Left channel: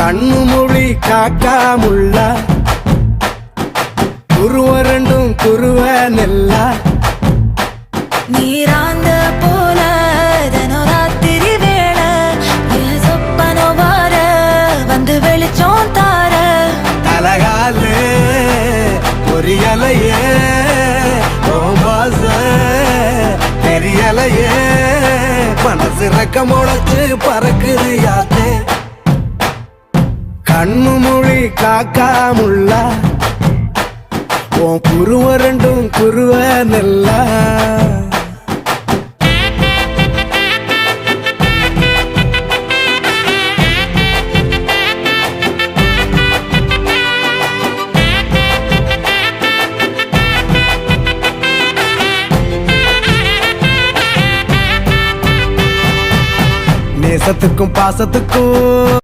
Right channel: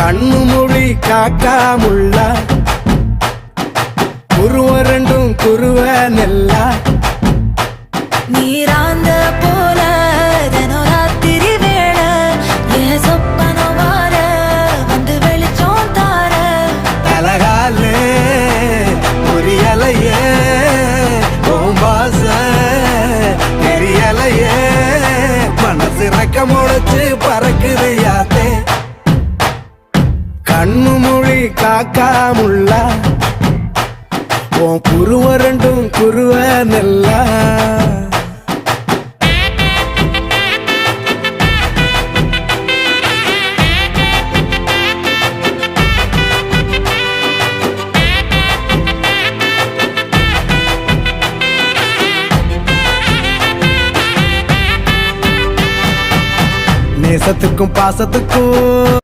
கண்ணு மொழி காக்காமுள்ள குருவ ரெண்டும் குருவ நெல்லா நீராங்க போல ராத்திரி வேண என் சொப்பனம் மாற வந்து வெளிச்சம் தார தலகாலே பொரியலையே ஓம்பாச பெரியலையே மனசு ரக்க முளைச்சு பறக்குது யாத்தே கண்ணு மொழி காக்காமுள்ள உன் குருவ ரெண்டும் குருவ நெல்லா நேசத்துக்கும் பாசத்துக்கும்